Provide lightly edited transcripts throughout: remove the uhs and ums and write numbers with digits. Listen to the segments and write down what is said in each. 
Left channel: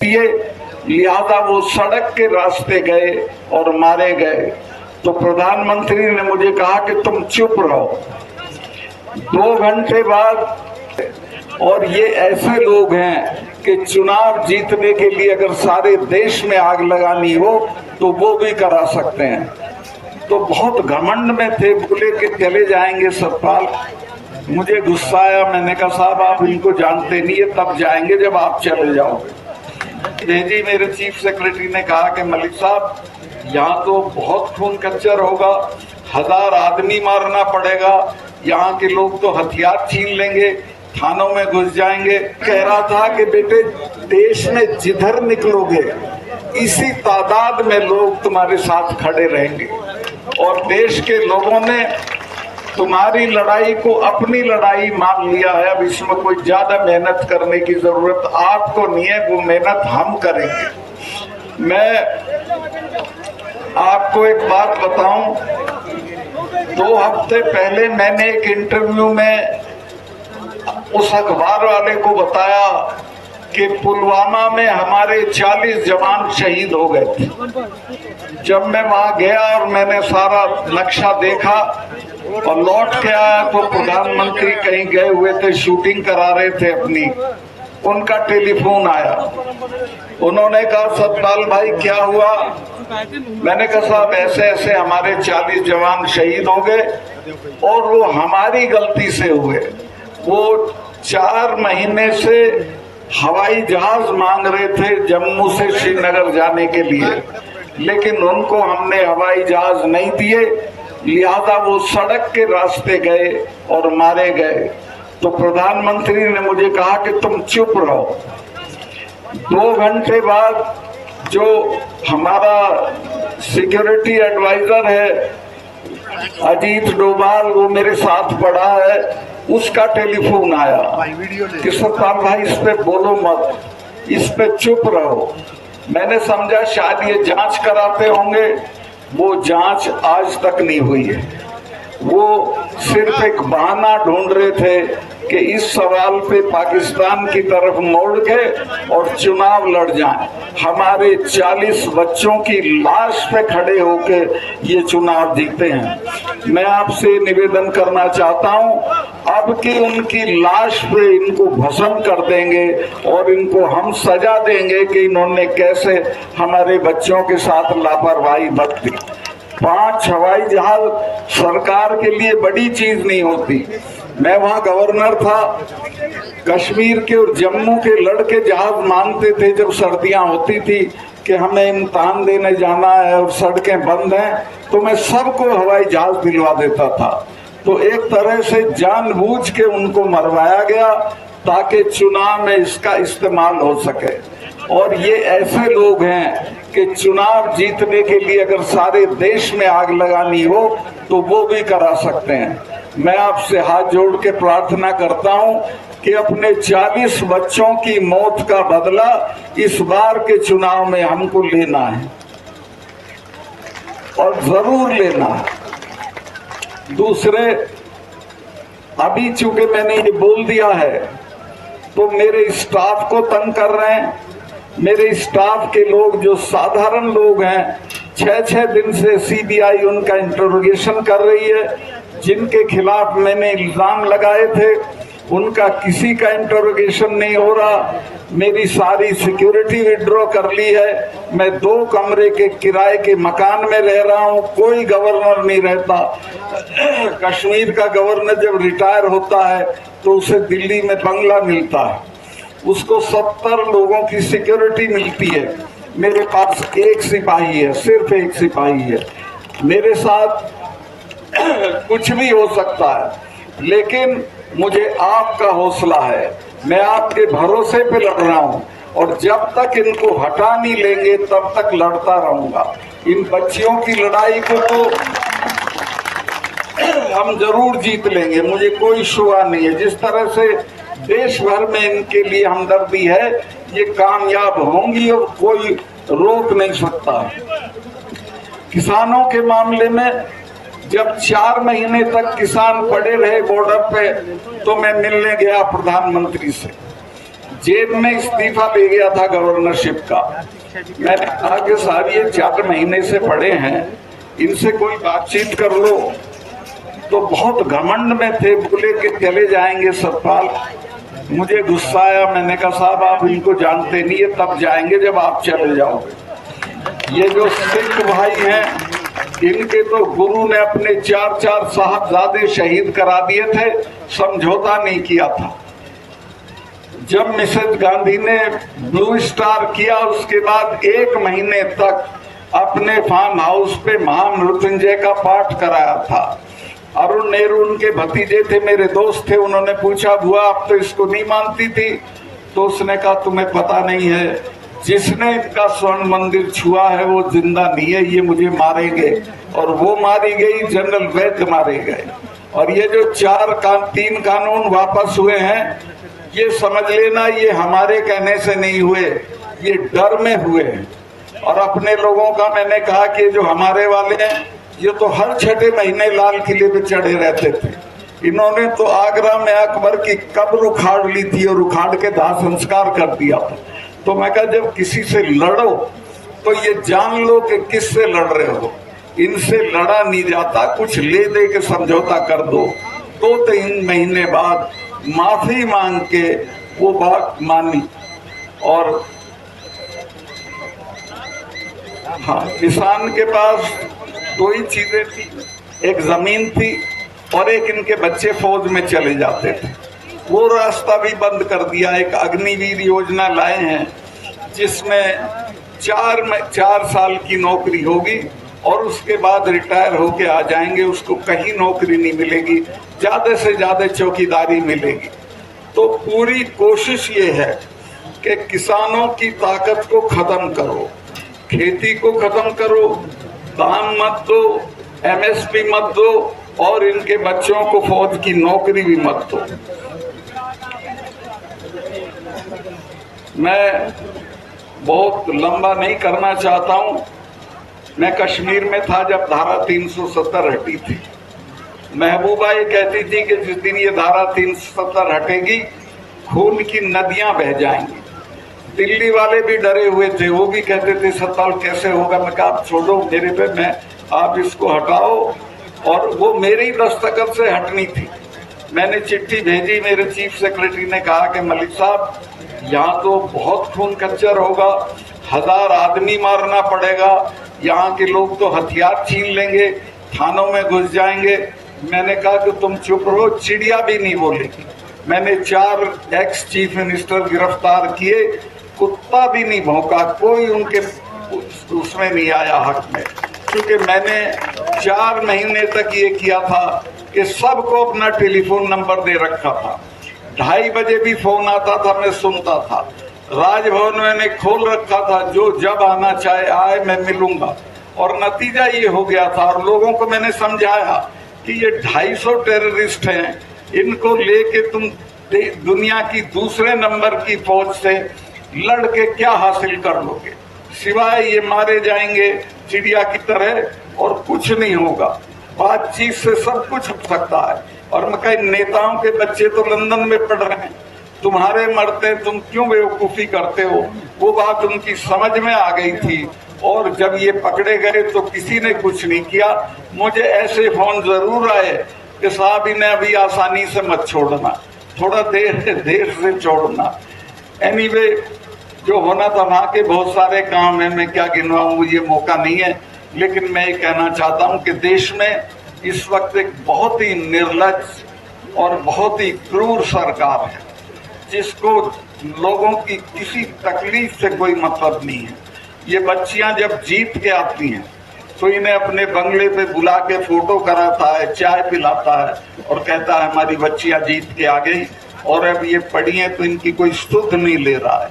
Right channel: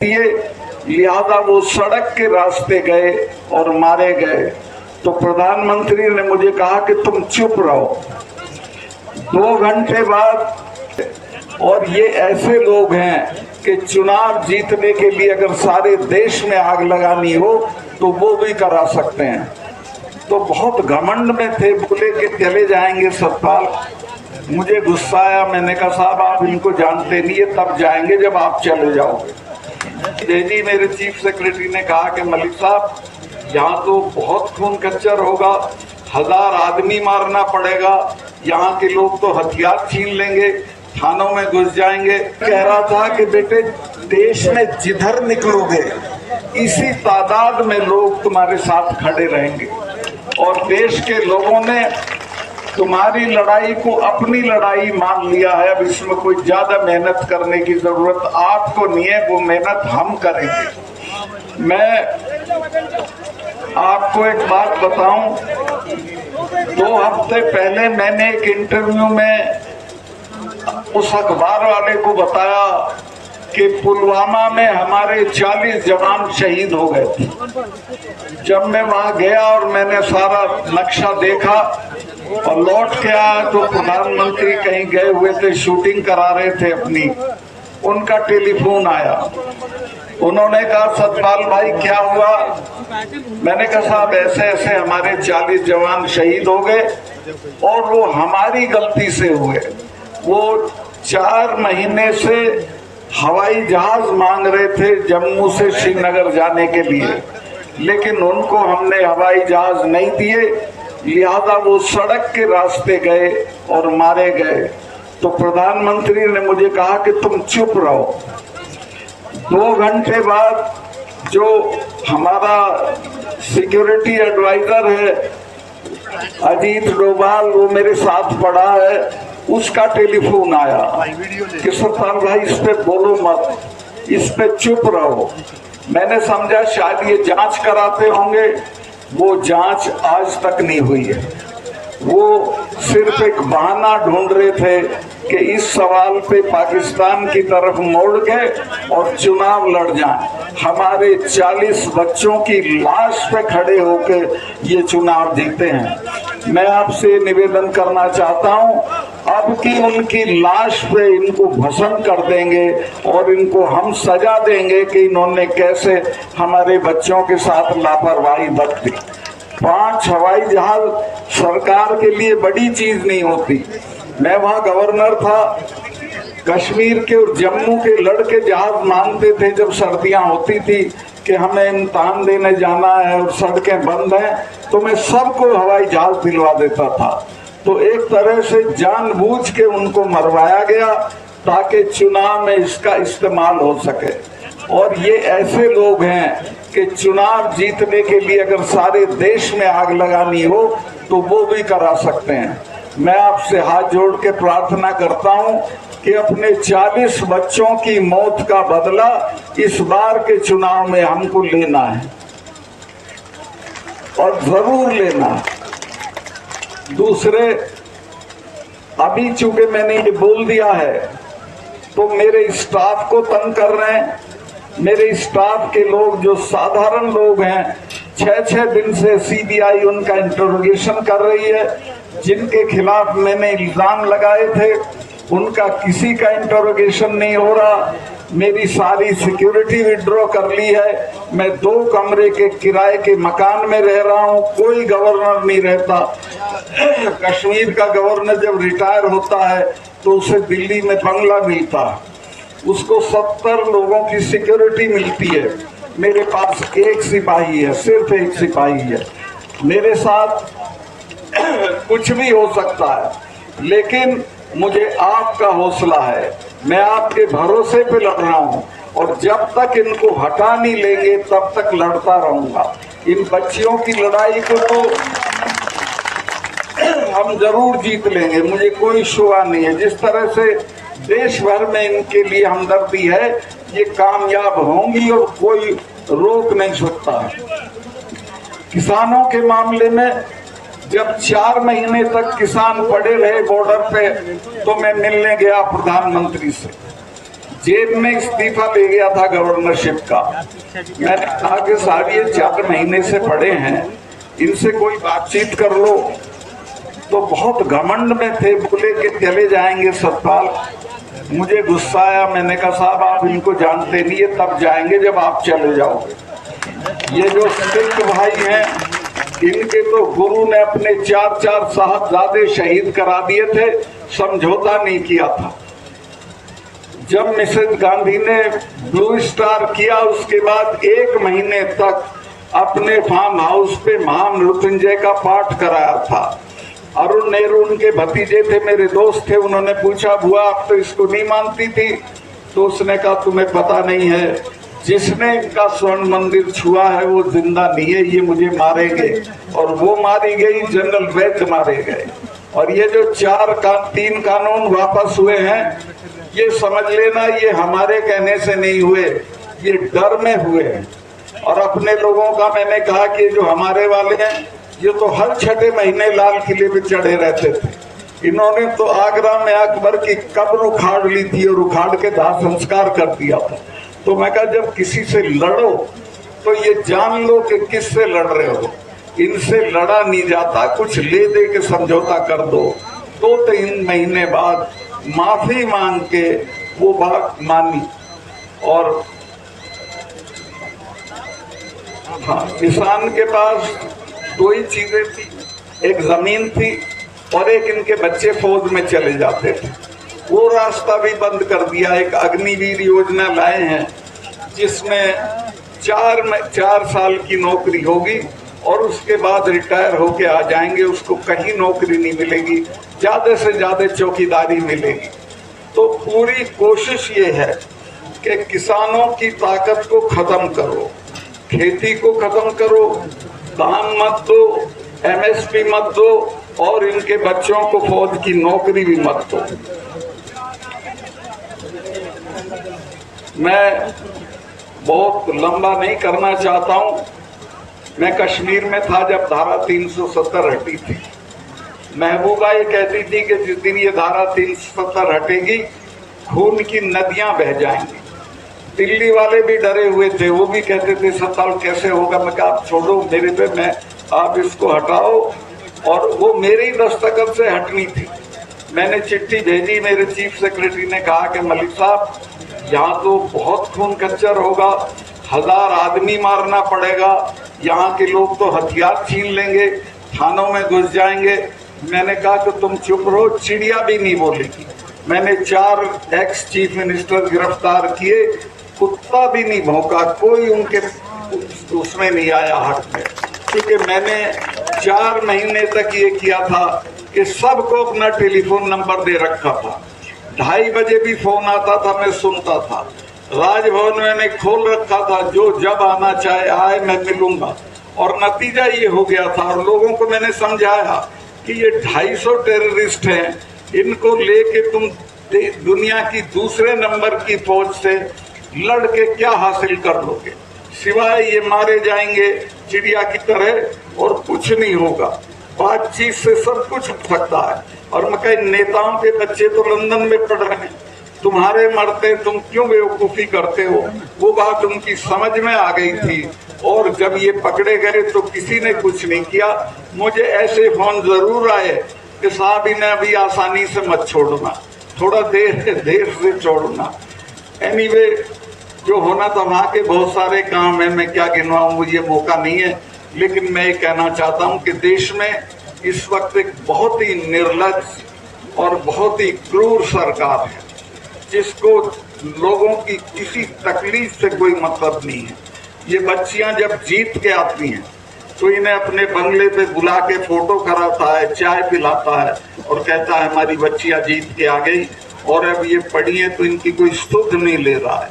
लिहाजा वो सड़क के रास्ते गए और मारे गए। तो प्रधानमंत्री ने मुझे कहा कि तुम चुप रहो। 2 घंटे बाद, और ये ऐसे लोग हैं कि चुनाव जीतने के लिए अगर सारे देश में आग लगानी हो तो वो भी करा सकते हैं। तो बहुत घमंड में थे, बोले कि चले जाएंगे सतपाल। मुझे गुस्सा आया, मैंने कहा साहब आप इनको जानते नहीं है, तब जाएंगे जब आप चले जाओगे। भेजी मेरे चीफ सेक्रेटरी ने कहा कि मलिक साहब यहाँ तो बहुत खून कच्चर होगा, 1000 आदमी मारना पड़ेगा, यहाँ के लोग तो हथियार छीन लेंगे, थानों में घुस जाएंगे। कह रहा था कि बेटे देश में जिधर निकलोगे इसी तादाद में लोग तुम्हारे साथ खड़े रहेंगे, और देश के लोगों ने तुम्हारी लड़ाई को अपनी लड़ाई मान लिया है। अब इसमें कोई ज्यादा मेहनत करने की जरूरत आपको नहीं है, वो मेहनत हम करेंगे। मैं आपको एक बात बताऊं, 2 हफ्ते पहले मैंने एक इंटरव्यू में उस अखबार वाले को बताया कि पुलवामा में हमारे 40 जवान शहीद हो गए थे। जब मैं वहां गया और मैंने सारा नक्शा देखा और लौट के आया तो प्रधानमंत्री कहीं गए हुए थे, शूटिंग करा रहे थे अपनी। उनका टेलीफोन आया, उन्होंने कहा सतपाल भाई क्या हुआ? मैंने कहा साहब ऐसे ऐसे हमारे 40 जवान शहीद हो गए और वो हमारी गलती से हुए। वो 4 महीने से हवाई जहाज मांग रहे थे जम्मू से श्रीनगर जाने के लिए, लेकिन उनको हमने हवाई जहाज नहीं दिए, लिहाजा वो सड़क के रास्ते गए और मारे गए। तो प्रधानमंत्री ने मुझे कहा कि तुम चुप रहो। 2 घंटे बाद जो हमारा सिक्योरिटी एडवाइजर है अजीत डोभाल, वो मेरे साथ पड़ा है, उसका टेलीफोन आया कि सतपाल भाई इस पे बोलो मत, इस पे चुप रहो। मैंने समझा शायद ये जांच कराते होंगे, वो जांच आज तक नहीं हुई है। वो सिर्फ एक बहाना ढूंढ रहे थे कि इस सवाल पे पाकिस्तान की तरफ मोड़ के और चुनाव लड़ जाएं। हमारे 40 बच्चों की लाश पे खड़े होके ये चुनाव जीते हैं। मैं आपसे निवेदन करना चाहता हूं, अब की उनकी लाश पे इनको भस्म कर देंगे और इनको हम सजा देंगे कि इन्होंने कैसे हमारे बच्चों के साथ लापरवाही बरती। 5 हवाई जहाज सरकार के लिए बड़ी चीज नहीं होती। मैं वहां गवर्नर था, कश्मीर के और जम्मू के लड़के जहाज मांगते थे जब सर्दियां होती थी कि हमें इम्तिहान देने जाना है और सड़कें बंद हैं, तो मैं सबको हवाई जहाज दिलवा देता था। तो एक तरह से जानबूझ के उनको मरवाया गया ताकि चुनाव में इसका इस्तेमाल हो सके। और ये ऐसे लोग हैं कि चुनाव जीतने के लिए अगर सारे देश में आग लगानी हो तो वो भी करा सकते हैं। मैं आपसे हाथ जोड़ के प्रार्थना करता हूं कि अपने 40 बच्चों की मौत का बदला इस बार के चुनाव में हमको लेना है और जरूर लेना है। दूसरे, अभी चूंकि मैंने ये बोल दिया है तो मेरे स्टाफ को तंग कर रहे हैं। मेरे स्टाफ के लोग जो साधारण लोग हैं, 6-6 दिन से सीबीआई उनका इंटरोगेशन कर रही है। जिनके खिलाफ मैंने इल्जाम लगाए थे उनका किसी का इंटरोगेशन नहीं हो रहा। मेरी सारी सिक्योरिटी विड्रॉ कर ली है। मैं 2 कमरे के किराए के मकान में रह रहा हूं, कोई गवर्नर नहीं रहता। कश्मीर का गवर्नर जब रिटायर होता है तो उसे दिल्ली में बंगला मिलता है, उसको 70 लोगों की सिक्योरिटी मिलती है। मेरे पास 1 सिपाही है, सिर्फ 1 सिपाही है। मेरे साथ कुछ भी हो सकता है, लेकिन मुझे आपका हौसला है। मैं आपके भरोसे पे लड़ रहा हूं और जब तक इनको हटा नहीं लेंगे तब तक लड़ता रहूंगा। इन बच्चियों की लड़ाई को तो हम जरूर जीत लेंगे, मुझे कोई शुआ नहीं है। जिस तरह से देश भर में इनके लिए हमदर्दी है, ये कामयाब होंगी और कोई रोक नहीं सकता। किसानों के मामले में जब 4 महीने तक किसान पड़े रहे बॉर्डर पे तो मैं मिलने गया प्रधानमंत्री से। जेब में इस्तीफा ले गया था गवर्नरशिप का। मैंने कहा कि साहब ये 4 महीने से पड़े हैं, इनसे कोई बातचीत कर लो। तो बहुत घमंड में थे, बोले कि चले जाएंगे सतपाल। मुझे गुस्सा आया, मैंने कहा साहब आप इनको जानते नहीं है, तब जाएंगे जब आप चले जाओगे। ये जो सिख भाई हैं, इनके तो गुरु ने अपने 4 साहबजादे शहीद करा दिए थे, समझौता नहीं किया था। जब मिसेज गांधी ने ब्लू स्टार किया, उसके बाद 1 महीने तक अपने फार्म हाउस पे महामृत्युंजय का पाठ कराया था। अरुण नेहरू उनके भतीजे थे, मेरे दोस्त थे। उन्होंने पूछा बुआ आप तो इसको नहीं मानती थी? तो उसने कहा तुम्हें पता नहीं है, जिसने इनका स्वर्ण मंदिर छुआ है वो जिंदा नहीं है, ये मुझे मारेंगे। और वो मारी गई, जनरल वैद्य मारे गए। और ये जो 3 कानून वापस हुए हैं, ये समझ लेना ये हमारे कहने से नहीं हुए, ये डर में हुए हैं। और अपने लोगों का मैंने कहा कि जो हमारे वाले हैं, ये तो हर 6ठे महीने लाल किले पे चढ़े रहते थे। इन्होंने तो आगरा में अकबर की कब्र उखाड़ ली थी और उखाड़ के दाह संस्कार कर दिया था। तो मैं कहा जब किसी से लड़ो तो ये जान लो कि किससे लड़ रहे हो। इनसे लड़ा नहीं जाता, कुछ ले दे के समझौता कर दो। 2-3 महीने बाद माफी मांग के वो बात मानी। और हाँ, किसान के पास 2 ही चीजें थी, एक जमीन थी और एक इनके बच्चे फौज में चले जाते थे। वो रास्ता भी बंद कर दिया। एक अग्निवीर योजना लाए हैं जिसमें 4 साल की नौकरी होगी और उसके बाद रिटायर होके आ जाएंगे, उसको कहीं नौकरी नहीं मिलेगी, ज्यादा से ज्यादा चौकीदारी मिलेगी। तो पूरी कोशिश ये है कि किसानों की ताकत को खत्म करो, खेती को खत्म करो, दाम मत दो, एमएसपी मत दो और इनके बच्चों को फौज की नौकरी भी मत दो। मैं बहुत लंबा नहीं करना चाहता हूं। मैं कश्मीर में था जब धारा 370 हटी थी। महबूबा ये कहती थी कि जिस दिन ये धारा 370 हटेगी खून की नदियां बह जाएंगी। दिल्ली वाले भी डरे हुए थे, वो भी कहते थे सत्ताल कैसे होगा। मैं कहा आप छोड़ो मेरे पे, मैं आप इसको हटाओ। और वो मेरी दस्तखत से हटनी थी। मैंने चिट्ठी भेजी, मेरे चीफ सेक्रेटरी ने कहा कि मलिक साहब यहाँ तो बहुत खून खच्चर होगा, 1000 आदमी मारना पड़ेगा, यहाँ के लोग तो हथियार छीन लेंगे, थानों में घुस जाएंगे। मैंने कहा कि तुम चुप रहो, चिड़िया भी नहीं बोलेगी। मैंने 4 एक्स चीफ मिनिस्टर गिरफ्तार किए, कुत्ता भी नहीं भौंका, कोई उनके उसमें नहीं आया हक में। क्योंकि मैंने 4 महीने तक ये किया था कि सबको अपना टेलीफोन नंबर दे रखा था। 2:30 बजे भी फोन आता था, मैं सुनता था। राजभवन मैंने खोल रखा था, जो जब आना चाहे आए, मैं मिलूंगा। और नतीजा ये हो गया था। और लोगों को मैंने समझाया कि ये 250 टेररिस्ट हैं, इनको लेके तुम दुनिया की दूसरे नंबर की फौज से लड़ के क्या हासिल कर लोगे, सिवाय ये मारे जाएंगे चिड़िया की तरह और कुछ नहीं होगा। बातचीत से सब कुछ हो सकता है। और मैं कहीं नेताओं के बच्चे तो लंदन में पढ़ रहे हैं, तुम्हारे मरते तुम क्यों बेवकूफी करते हो। वो बात उनकी समझ में आ गई थी। और जब ये पकड़े गए तो किसी ने कुछ नहीं किया। मुझे ऐसे फोन जरूर आए कि साहब इन्हें अभी आसानी से मत छोड़ना, थोड़ा देर से छोड़ना। एनीवे, जो होना था वहां के बहुत सारे काम है, मैं क्या गिनवाऊं, ये मौका नहीं है। लेकिन मैं ये कहना चाहता हूं कि देश में इस वक्त एक बहुत ही निर्लज और बहुत ही क्रूर सरकार है, जिसको लोगों की किसी तकलीफ से कोई मतलब नहीं है। ये बच्चियां जब जीत के आती हैं तो इन्हें अपने बंगले पे बुला के फोटो कराता है, चाय पिलाता है और कहता है हमारी बच्चियां जीत के आ गई। और अब ये पढ़ी हैं तो इनकी कोई सुध नहीं ले रहा है।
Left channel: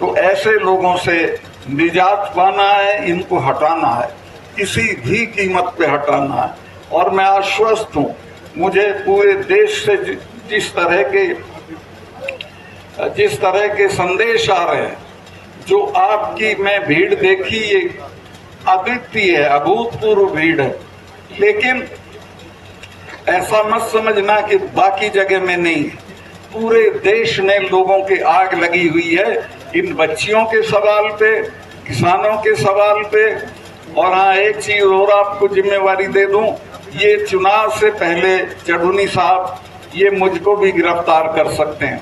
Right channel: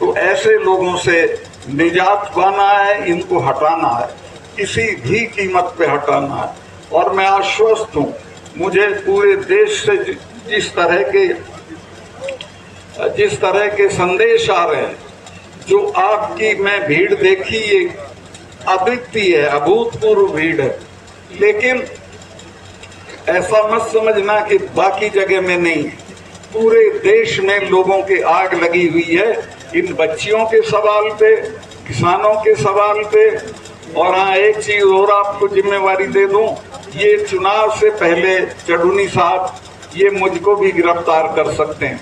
तो ऐसे लोगों से निजात पाना है, इनको हटाना है, किसी भी कीमत पे हटाना है। और मैं आश्वस्त हूँ, मुझे पूरे देश से जिस तरह के संदेश आ रहे हैं, जो आपकी मैं भीड़ देखी, ये अद्वितीय है, अभूतपूर्व भीड़ है। लेकिन ऐसा मत समझना कि बाकी जगह में नहीं है। पूरे देश में लोगों की आग लगी हुई है इन बच्चियों के सवाल पे, किसानों के सवाल पे। और हाँ, एक चीज और आपको जिम्मेवारी दे दूं, ये चुनाव से पहले चढ़ूनी साहब ये मुझको भी गिरफ्तार कर सकते हैं,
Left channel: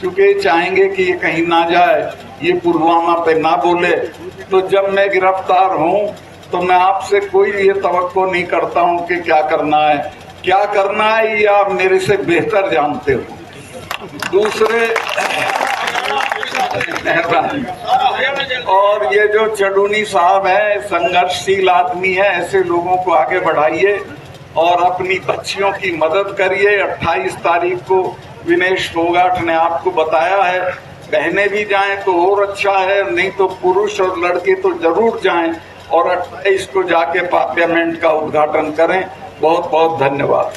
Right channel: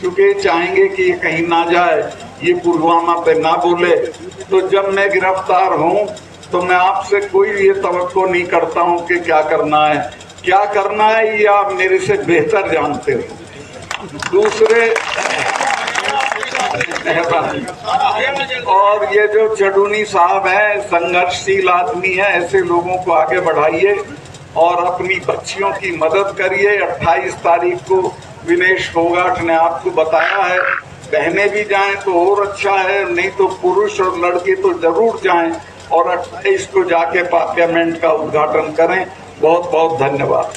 क्योंकि चाहेंगे कि ये कहीं ना जाए, ये पुलवामा पे ना बोले। तो जब मैं गिरफ्तार हूं तो मैं आपसे कोई ये तवक्को नहीं करता हूं कि क्या करना है ये आप मेरे से बेहतर जानते हो। दूसरे और ये जो चढ़ूनी साहब है, संघर्षशील आदमी है, ऐसे लोगों को आगे बढ़ाइए और अपनी बच्चियों की मदद करिए। 28 तारीख को विनेश फोगाट ने आपको बताया है, बहनें भी जाएं तो और अच्छा है, नहीं तो पुरुष और लड़के तो जरूर जाएं और 28 को जाके पार्लियामेंट का उद्घाटन करें। बहुत बहुत धन्यवाद।